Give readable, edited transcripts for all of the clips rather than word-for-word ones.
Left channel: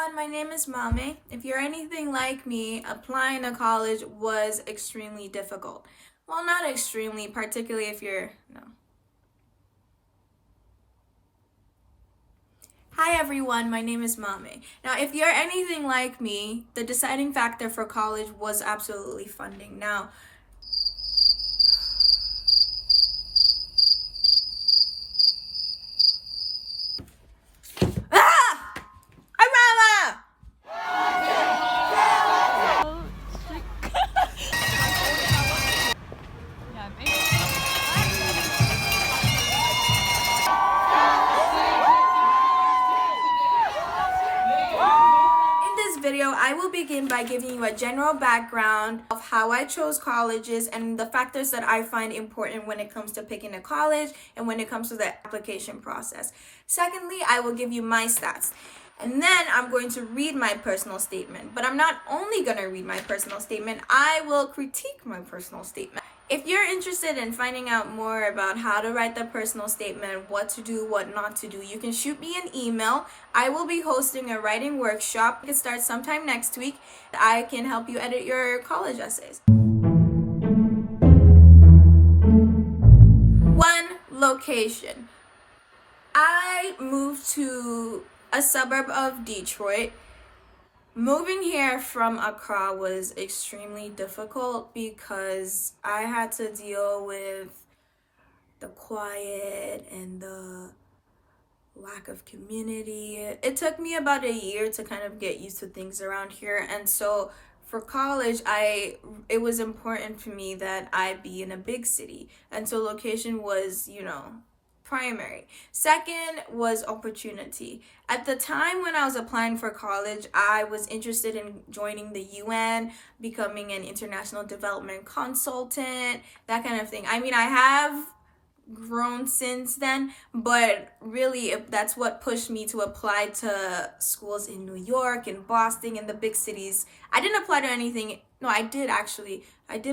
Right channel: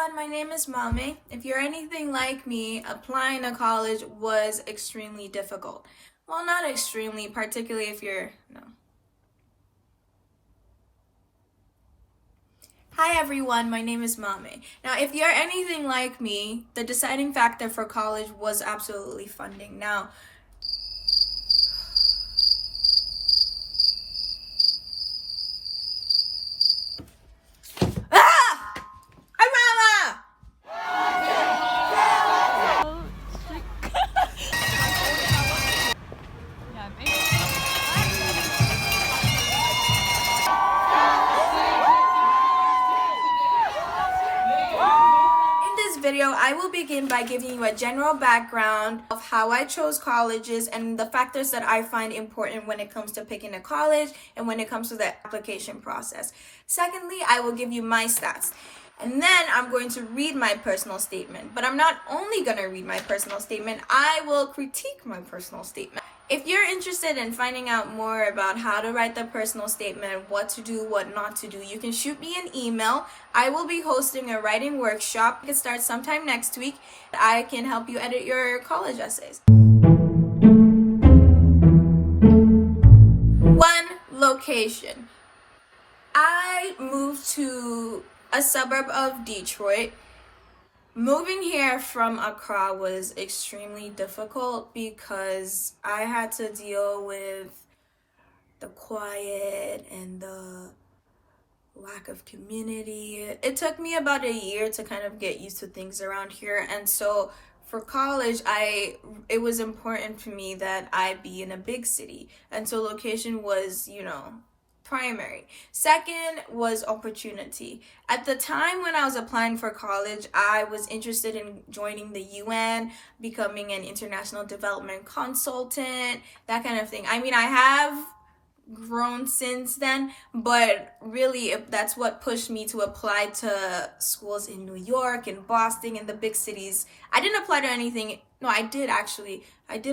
everyone, my name is Mame. If you're anything like me, applying to college was extremely difficult. Well, not extremely, particularly if you're, no. Hi everyone, my name is Mame. Now, if you're anything like me, the deciding factor for college was absolutely funding. Now, video, I will begin by giving you a general background of how I chose colleges and the factors that I find important when it comes to picking a college and when it comes to the application process. Secondly, I will give you my stats. And then I'm going to read my personal statement. But I'm not only going to read my personal statement, I will critique my personal statement. If you're interested in finding out more about how to write the personal statement, what to do, what not to do, you can shoot me an email. I will be hosting a writing workshop. It starts sometime next week. I can help you edit your college essays. 1. Location. I moved to a suburb of Detroit. Moving here from Accra was extremely difficult because I had to deal with the quiet and the lack of community. It took me about a year to kind of get used to things around here, and so for college, it was important for me that I be in a big city, and so location was, primary. Second was opportunity. At the time when I was applying for college, I was interested in joining the UN, becoming an international development consultant, that kind of thing. I mean, I have grown since then, but really that's what pushed me to apply to schools in New York and Boston and the big cities. I didn't apply to anything. No, I did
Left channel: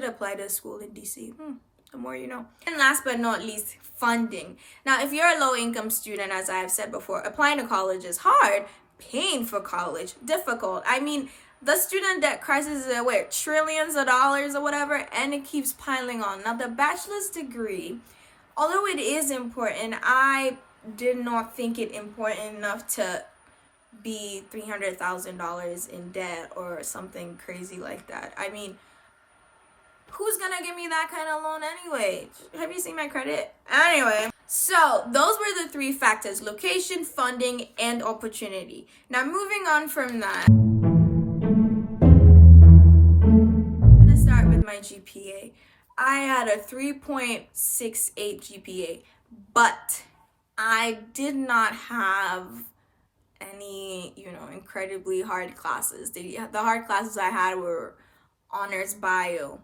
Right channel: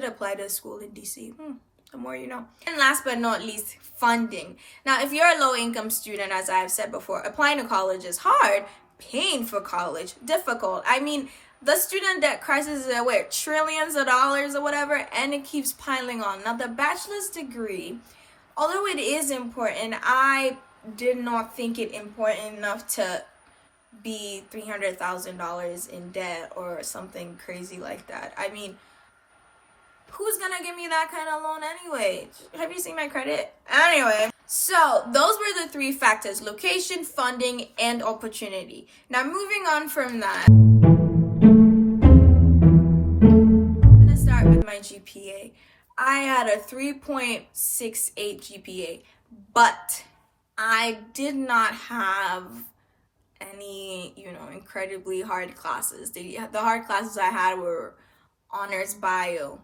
apply to a school in DC. The more you know. And last but not least, funding. Now, if you're a low-income student, as I've said before, applying to college is hard. Paying for college, difficult. I mean, the student debt crisis is at trillions of dollars or whatever, and it keeps piling on. Now, the bachelor's degree, although it is important, I did not think it important enough to be $300,000 in debt or something crazy like that. I mean, who's gonna give me that kind of loan anyway? Have you seen my credit? Anyway, so those were the 3 factors: location, funding, and opportunity. Now, moving on from that, I'm gonna start with my GPA. I had a 3.68 GPA, but I did not have any, incredibly hard classes. The hard classes I had were honors bio.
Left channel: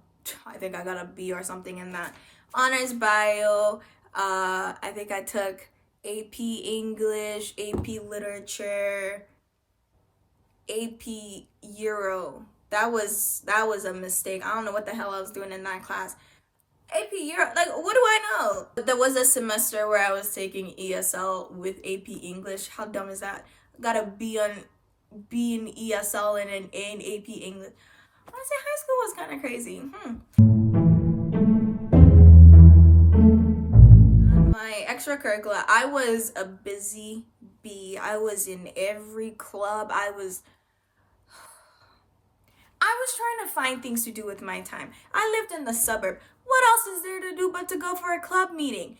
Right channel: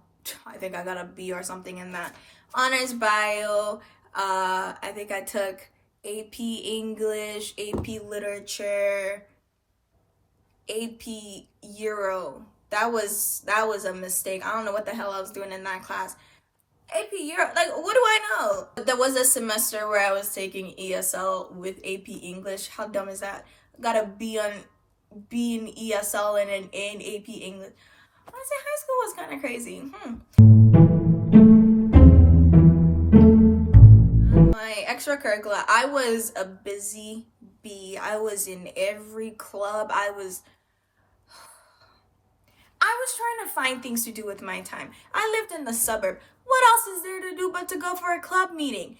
I think I got a B or something in that. Honors bio. I think I took AP English, AP Literature, AP Euro. That was a mistake. I don't know what the hell I was doing in that class. AP Euro, what do I know? There was a semester where I was taking ESL with AP English. How dumb is that? Got a B in ESL and an A in AP English. I say high school was kind of crazy. My extracurricular, I was a busy bee. I was in every club. I was trying to find things to do with my time. I lived in the suburb. What else is there to do but to go for a club meeting?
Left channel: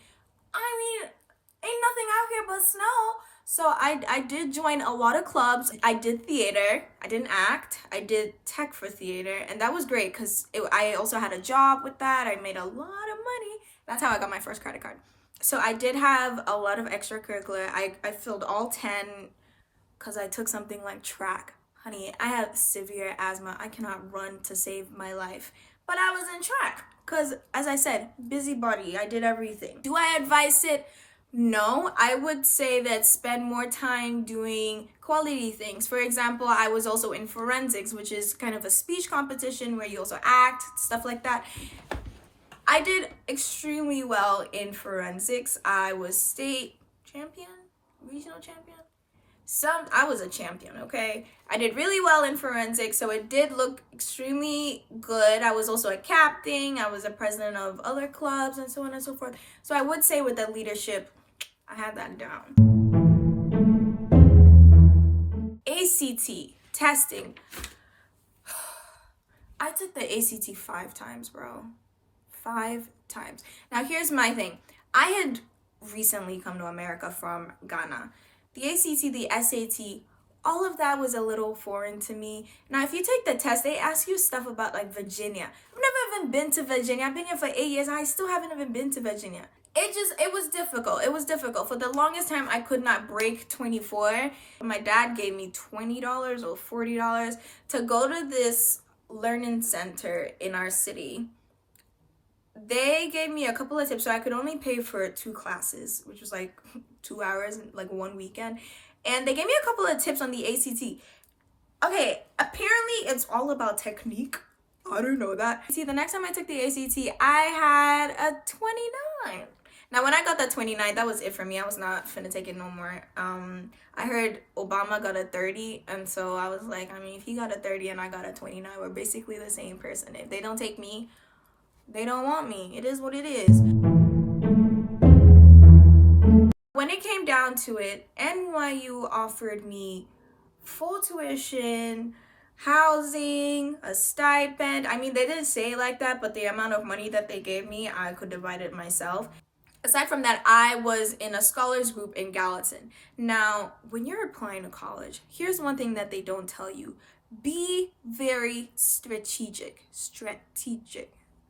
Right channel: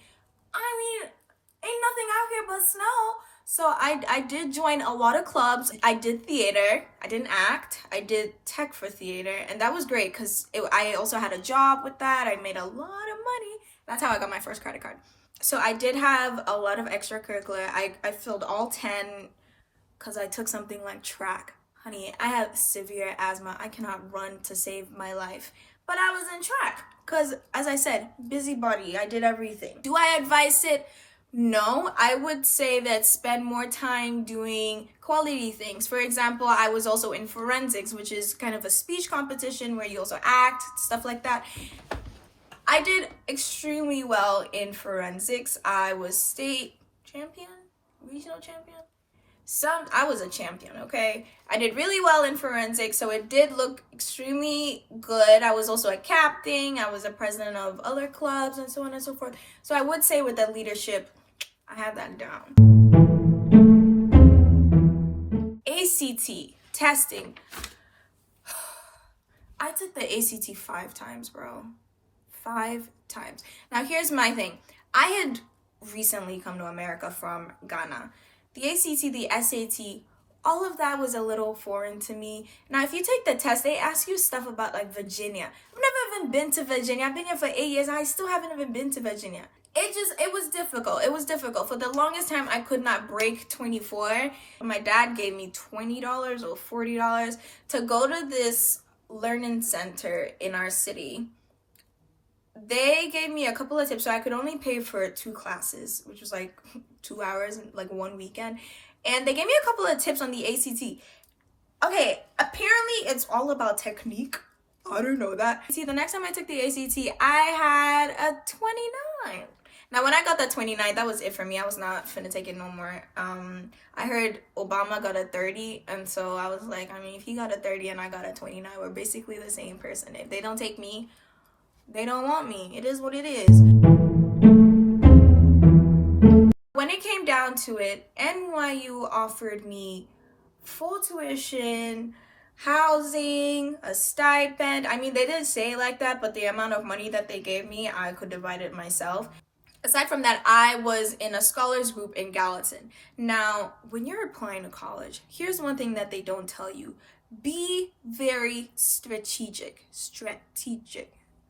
I mean, ain't nothing out here but snow. So I did join a lot of clubs. I did theater. I didn't act. I did tech for theater. And that was great because I also had a job with that. I made a lot of money. That's how I got my first credit card. So I did have a lot of extracurricular. I filled all 10 because I took something like track. Honey, I have severe asthma. I cannot run to save my life. But I was in track because, as I said, busybody. I did everything. Do I advise it? No, I would say that spend more time doing quality things. For example, I was also in forensics, which is kind of a speech competition where you also act, stuff like that. I did extremely well in forensics. I was state champion, regional champion. I was a champion, okay? I did really well in forensics, so it did look extremely good. I was also a captain, I was a president of other clubs, and so on and so forth. So I would say with the leadership, I had that down. ACT, testing. I took the ACT 5 times, bro. 5 times. Now, here's my thing. I had recently come to America from Ghana. The ACT, the SAT, all of that was a little foreign to me. Now, if you take the test, they ask you stuff about like Virginia. I've never even been to Virginia. I've been here for 8 years. I still haven't even been to Virginia. It was difficult. It was difficult. For the longest time, I could not break 24. My dad gave me $20 or $40 to go to this learning center in our city. They gave me a couple of tips, so I could only pay for 2 classes, which was like 2 hours, like one weekend. And they gave me a couple of tips on the ACT. Okay, apparently it's all about technique. I don't know that. See, the next time I took the ACT, I had a 29. Now, when I got that 29, that was it for me. I was not finna take it no more. I heard Obama got a 30, and so I was like, I mean, if he got a 30 and I got a 29, we're basically the same person. If they don't take me, they don't want me. It is what it is. When it came down to it, NYU offered me full tuition, housing, a stipend. I mean, they didn't say it like that, but the amount of money that they gave me, I could divide it myself. Aside from that, I was in a scholars group in Gallatin. Now, when you're applying to college, here's one thing that they don't tell you. Be very strategic.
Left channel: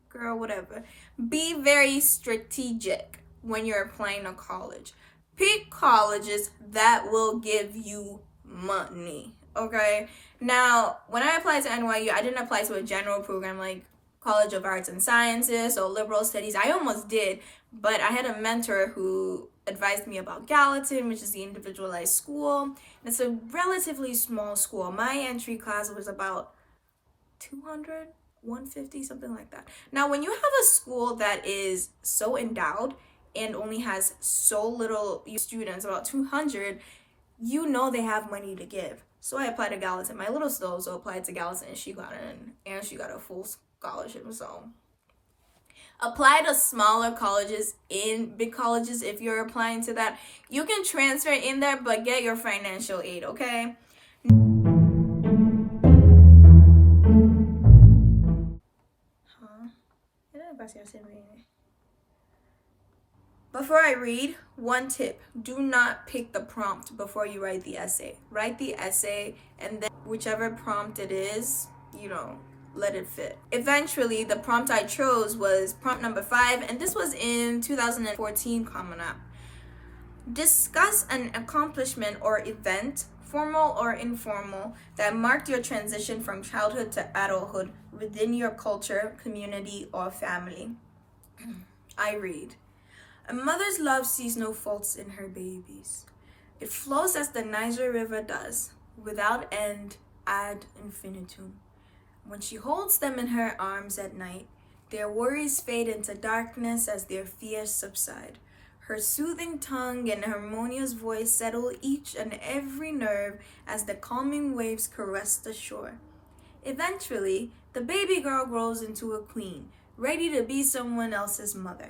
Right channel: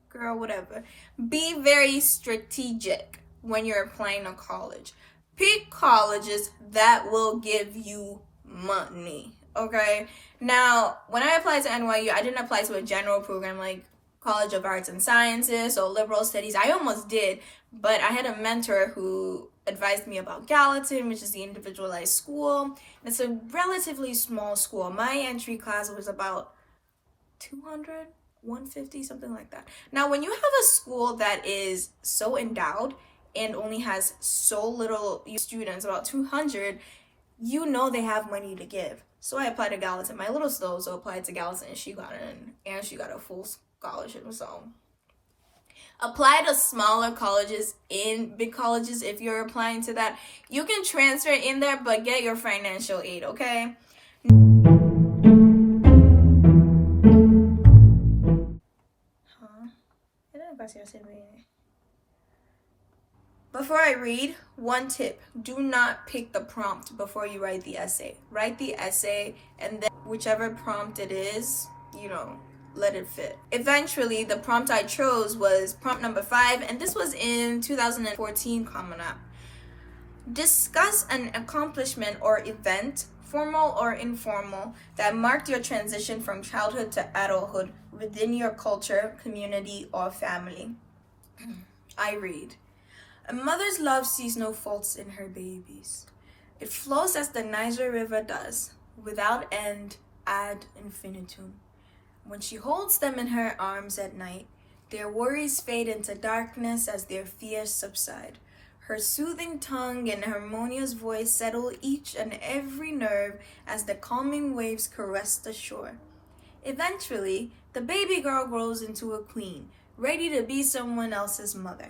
Girl, whatever. Be very strategic when you're applying to college. Pick colleges that will give you money, okay? Now, when I applied to NYU, I didn't apply to a general program like College of Arts and Sciences or Liberal Studies. I almost did, but I had a mentor who advised me about Gallatin, which is the individualized school. It's a relatively small school. My entry class was about 200, 150, something like that. Now, when you have a school that is so endowed and only has so little students, about 200, you know they have money to give. So I applied to Gallatin. My little sister also applied to Gallatin, and she got a full scholarship. So apply to smaller colleges in big colleges. If you're applying to that, you can transfer in there, but get your financial aid, okay? Before I read, one tip: do not pick the prompt before you write the essay. Write the essay, and then whichever prompt it is, let it fit. Eventually, the prompt I chose was prompt number 5, and this was in 2014 CommonApp. Discuss an accomplishment or event, formal or informal, that marked your transition from childhood to adulthood within your culture, community, or family. I read. A mother's love sees no faults in her babies. It flows as the Niger River does, without end ad infinitum. When she holds them in her arms at night, their worries fade into darkness as their fears subside. Her soothing tongue and harmonious voice settle each and every nerve as the calming waves caress the shore. Eventually, the baby girl grows into a queen, ready to be someone else's mother.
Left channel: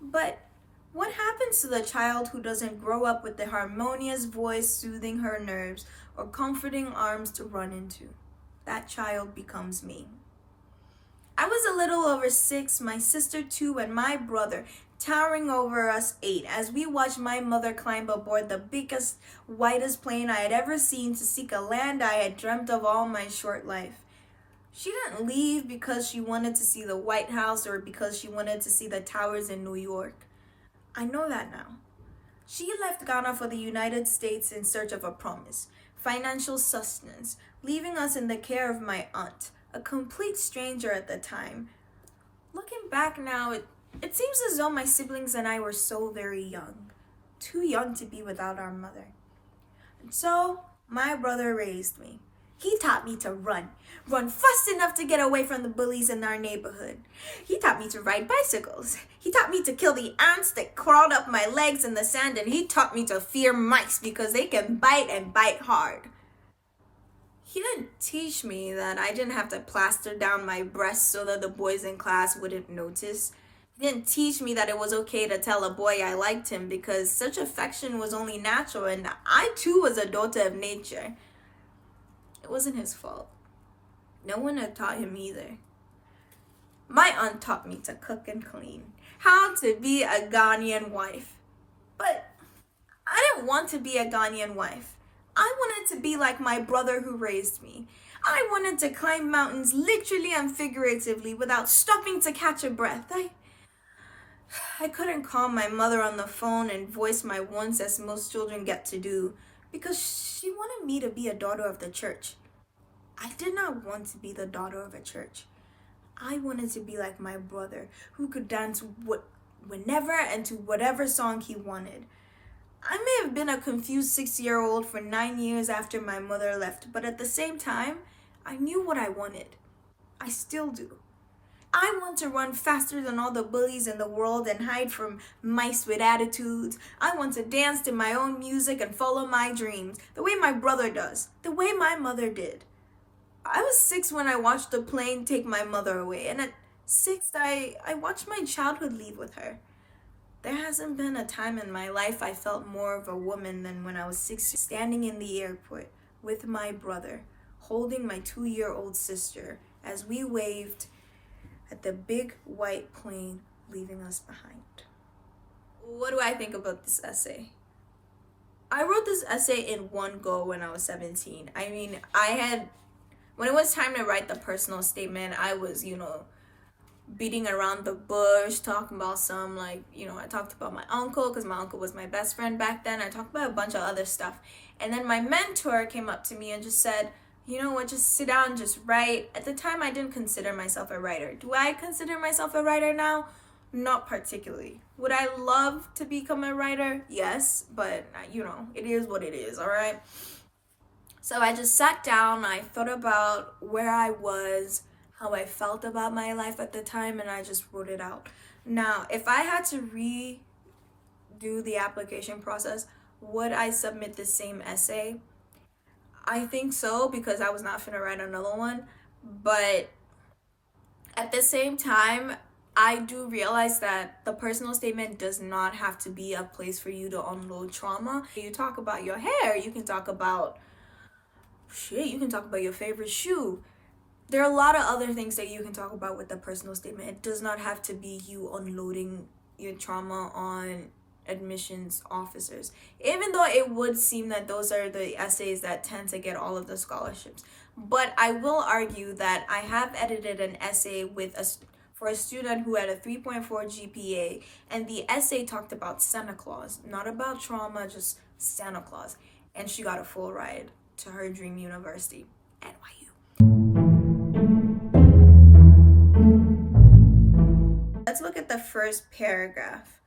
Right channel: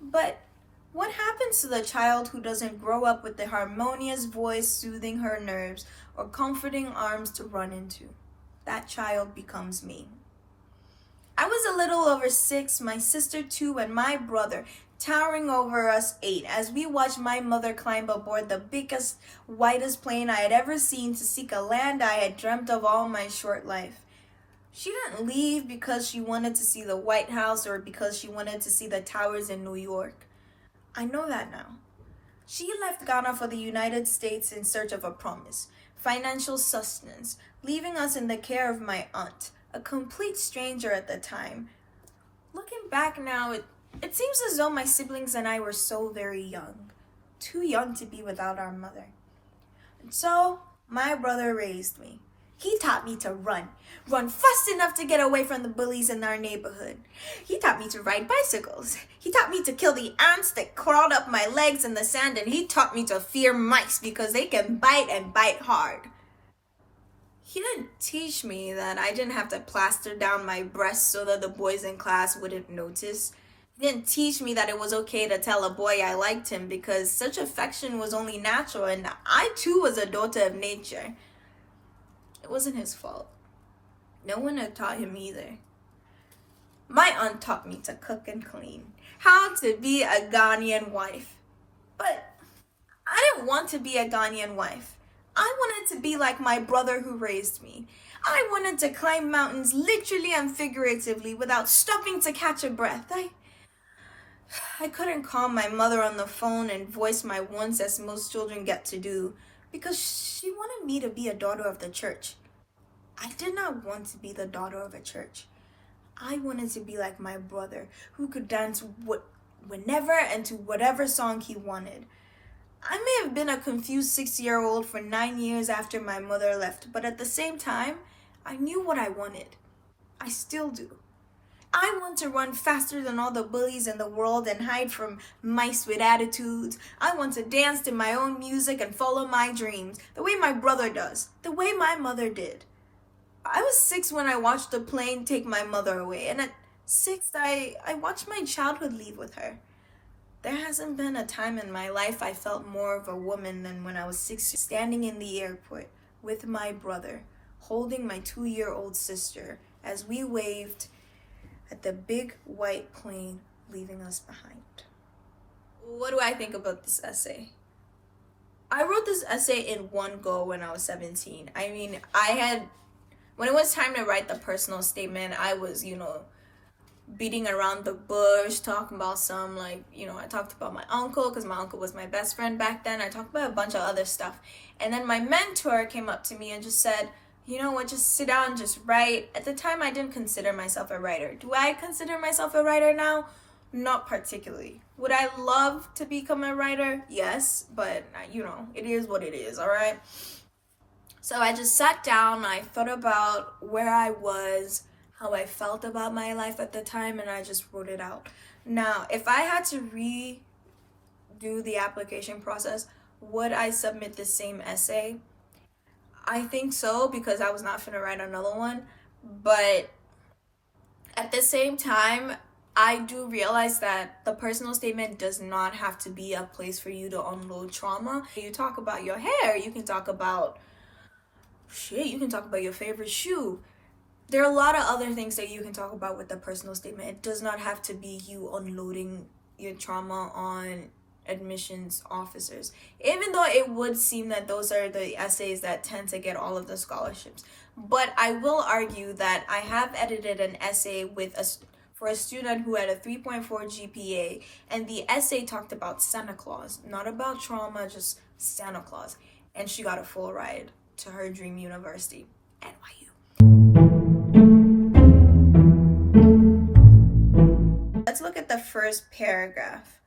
But what happens to the child who doesn't grow up with the harmonious voice soothing her nerves or comforting arms to run into? That child becomes me. I was a little over 6, my sister 2, and my brother, towering over us 8, as we watched my mother climb aboard the biggest, whitest plane I had ever seen to seek a land I had dreamt of all my short life. She didn't leave because she wanted to see the White House or because she wanted to see the towers in New York. I know that now. She left Ghana for the United States in search of a promise, financial sustenance, leaving us in the care of my aunt, a complete stranger at the time. Looking back now, it seems as though my siblings and I were so very young, too young to be without our mother. And so, my brother raised me. He taught me to run fast enough to get away from the bullies in our neighborhood. He taught me to ride bicycles. He taught me to kill the ants that crawled up my legs in the sand, and he taught me to fear mice because they can bite and bite hard. He didn't teach me that I didn't have to plaster down my breasts so that the boys in class wouldn't notice. He didn't teach me that it was okay to tell a boy I liked him because such affection was only natural, and I too was a daughter of nature. It wasn't his fault. No one had taught him either. My aunt taught me to cook and clean, how to be a Ghanaian wife. But I didn't want to be a Ghanaian wife. I wanted to be like my brother who raised me. I wanted to climb mountains literally and figuratively without stopping to catch a breath. I couldn't call my mother on the phone and voice my wants as most children get to do because she wanted me to be a daughter of the church. I did not want to be the daughter of a church. I wanted to be like my brother who could dance whenever and to whatever song he wanted. I may have been a confused 6-year-old for 9 years after my mother left, but at the same time, I knew what I wanted. I still do. I want to run faster than all the bullies in the world and hide from mice with attitudes. I want to dance to my own music and follow my dreams, the way my brother does, the way my mother did. I was 6 when I watched the plane take my mother away, and at 6, I watched my childhood leave with her. There hasn't been a time in my life I felt more of a woman than when I was 6, standing in the airport with my brother, holding my 2-year-old sister as we waved at the big white plane leaving us behind. What do I think about this essay? I wrote this essay in one go when I was 17. When it was time to write the personal statement, I was, beating around the bush, talking about I talked about my uncle because my uncle was my best friend back then. I talked about a bunch of other stuff. And then my mentor came up to me and just said, you know what, just sit down and just write. At the time, I didn't consider myself a writer. Do I consider myself a writer now? Not particularly. Would I love to become a writer? Yes, but it is what it is, all right? So I just sat down, I thought about where I was, how I felt about my life at the time, and I just wrote it out. Now, if I had to redo the application process, would I submit the same essay? I think so, because I was not finna write another one. But at the same time, I do realize that the personal statement does not have to be a place for you to unload trauma. You talk about your hair, you can talk about your favorite shoe. There are a lot of other things that you can talk about with the personal statement. It does not have to be you unloading your trauma on admissions officers, even though it would seem that those are the essays that tend to get all of the scholarships. But I will argue that I have edited an essay for a student who had a 3.4 GPA, and the essay talked about Santa Claus, not about trauma, just Santa Claus, and she got a full ride to her dream university, NYU. Let's look at the first paragraph.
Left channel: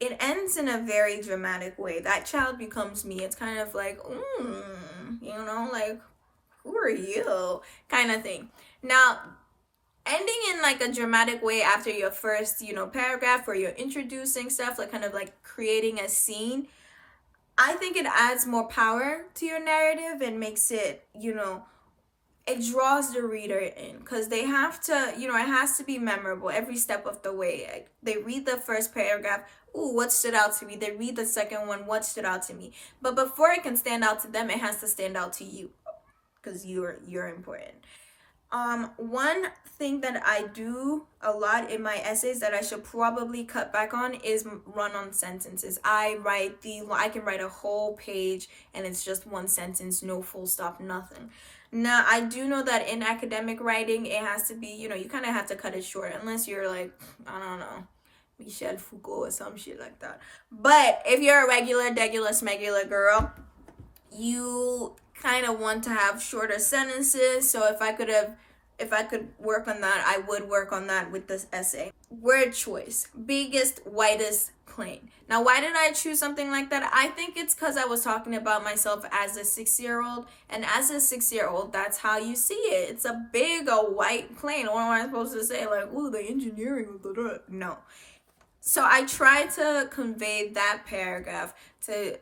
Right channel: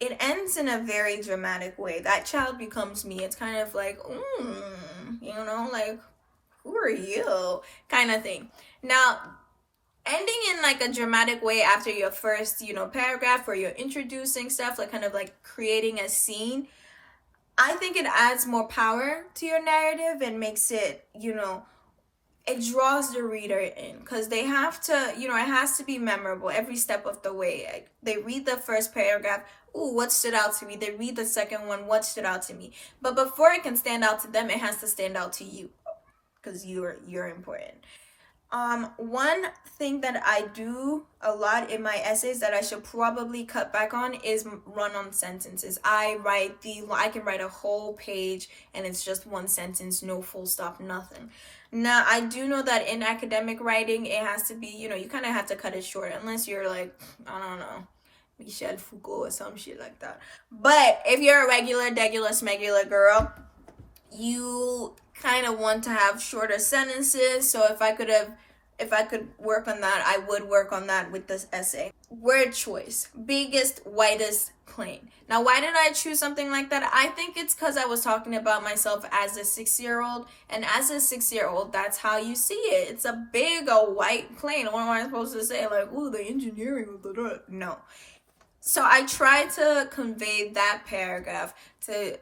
It ends in a very dramatic way. That child becomes me. It's kind of like, who are you? Kind of thing. Now, ending in a dramatic way after your first, paragraph where you're introducing stuff, kind of creating a scene, I think it adds more power to your narrative and makes it, it draws the reader in, because they have to, it has to be memorable every step of the way. They read the first paragraph, ooh, what stood out to me? They read the second one, what stood out to me? But before it can stand out to them, it has to stand out to you, because you're important. One thing that I do a lot in my essays that I should probably cut back on is run-on sentences. I can write a whole page and it's just one sentence, no full stop, nothing. Now, I do know that in academic writing, it has to be, you kind of have to cut it short, unless you're I don't know, Michel Foucault or some shit like that. But if you're a regular, smegular girl, you kind of want to have shorter sentences. So if I could work on that, I would work on that with this essay. Word choice, biggest, whitest, plane. Now, why did I choose something like that? I think it's because I was talking about myself as a 6-year-old, and as a 6-year-old, that's how you see it. It's a big, white plane. What am I supposed to say? Like, ooh, the engineering. No. So I tried to convey that paragraph to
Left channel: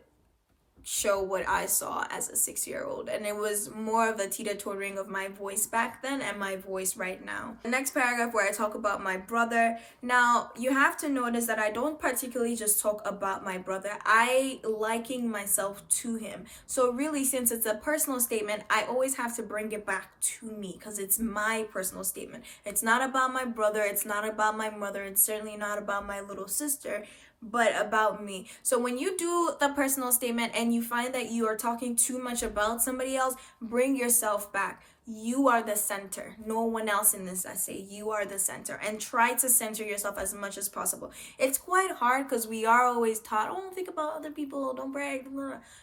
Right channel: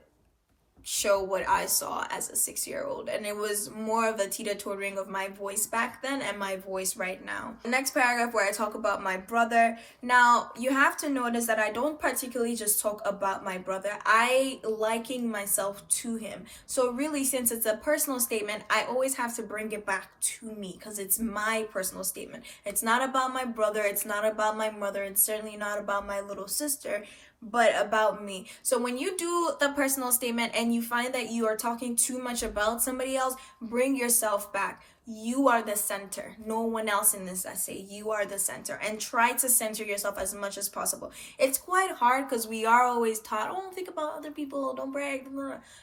show what I saw as a 6-year-old, and it was more of a teeter-tottering of my voice back then and my voice right now. The next paragraph where I talk about my brother. Now, you have to notice that I don't particularly just talk about my brother. I liken myself to him. So really, since it's a personal statement, I always have to bring it back to me because it's my personal statement. It's not about my brother, it's not about my mother, it's certainly not about my little sister, but about me. So when you do the personal statement and you find that you are talking too much about somebody else, bring yourself back. You are the center. No one else in this essay. You are the center. And try to center yourself as much as possible. It's quite hard because we are always taught, oh, think about other people, don't brag.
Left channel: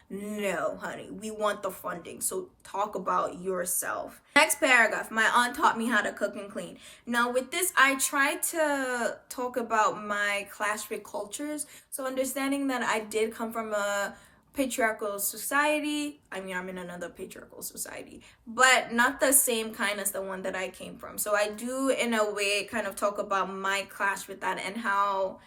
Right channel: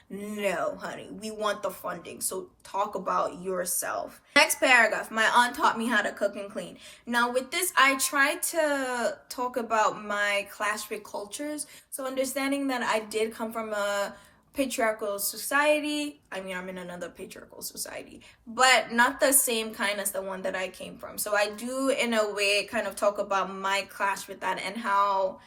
No, honey, we want the funding. So talk about yourself. Next paragraph, my aunt taught me how to cook and clean. Now with this, I tried to talk about my clash with cultures. So understanding that I did come from a patriarchal society. I mean, I'm in another patriarchal society, but not the same kind as the one that I came from. So I do, in a way, kind of talk about my clash with that and how,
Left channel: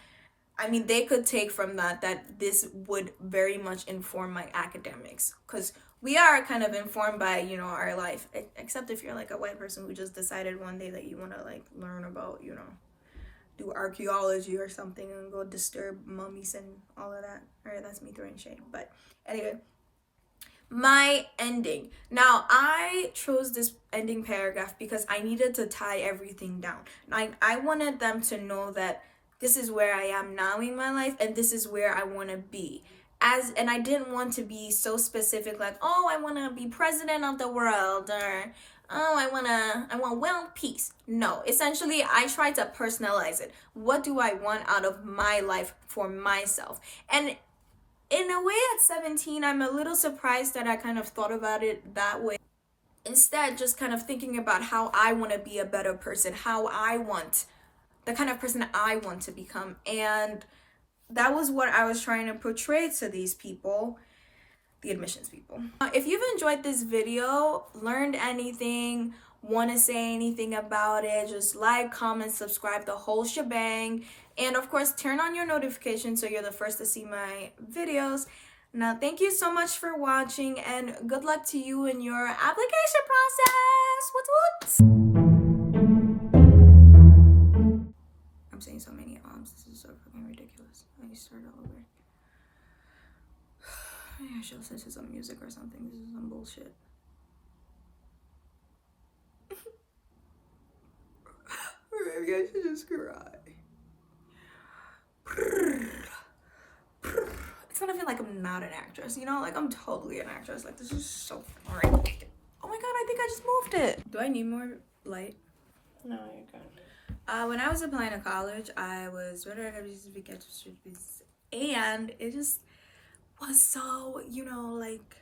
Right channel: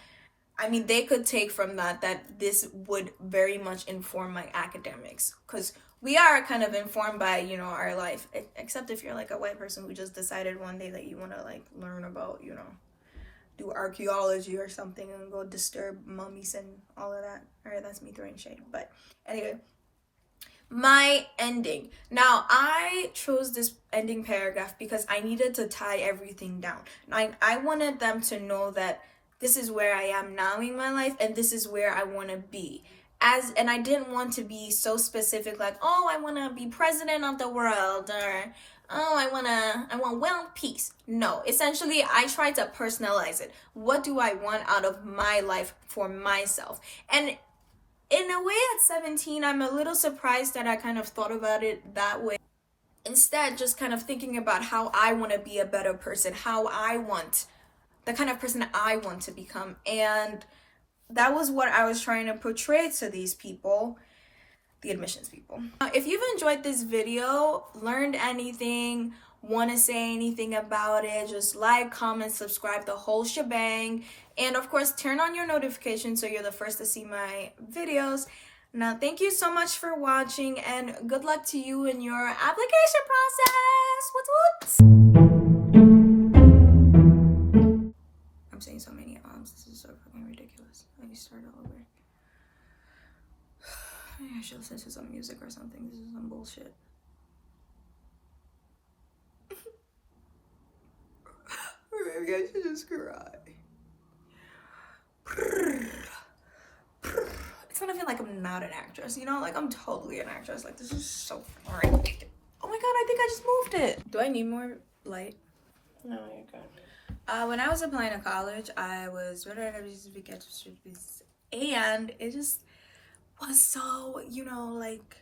I mean, they could take from that this would very much inform my academics, because we are kind of informed by, you know, our life, except if you're like a white person who just decided one day that you want to like learn about, you know, do archaeology or something and go disturb mummies and all of that. All right, that's me throwing shade. But anyway, my ending. Now, I chose this ending paragraph because I needed to tie everything down. I wanted them to know that this is where I am now in my life and this is where I want to be. And I didn't want to be so specific, like, oh, I want to be president of the world, or oh, I want world peace. No, essentially, I tried to personalize it. What do I want out of my life for myself? And in a way, at 17, I'm a little surprised that I kind of thought about it that way. Instead, just kind of thinking about how I want to be a better person, the kind of person I want to become. And that was what I was trying to portray to these people, the admissions people. If you've enjoyed this video, learned anything, want to say anything about it, just like, comment, subscribe, the whole shebang. And of course, turn on your notifications so you're the first to see my videos. Now, thank you so much for watching and good luck to you in your application process. What's I'm saying so many this is so fucking ridiculous. I need to start all over. Maybe I should listen to some music or something. This is some bullshit. Or maybe I should just cry. It's gonna feel like I'm not an actress, you know? Like, I'm totally an actress. Like, this is so ridiculous. Oh my god, I think I just moved it. Do I need more light? No, you're good. When I was applying to college, I was and it just was so, you know, like,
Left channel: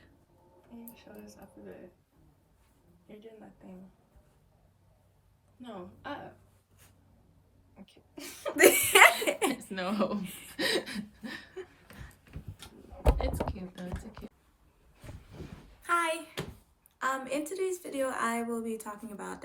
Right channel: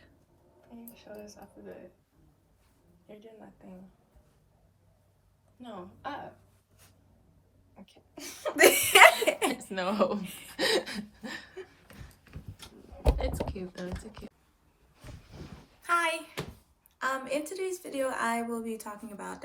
show this off of it. You're doing that thing. No, up. Okay. There's no hope. It's cute though, it's cute. Hi. In today's video, I will be talking about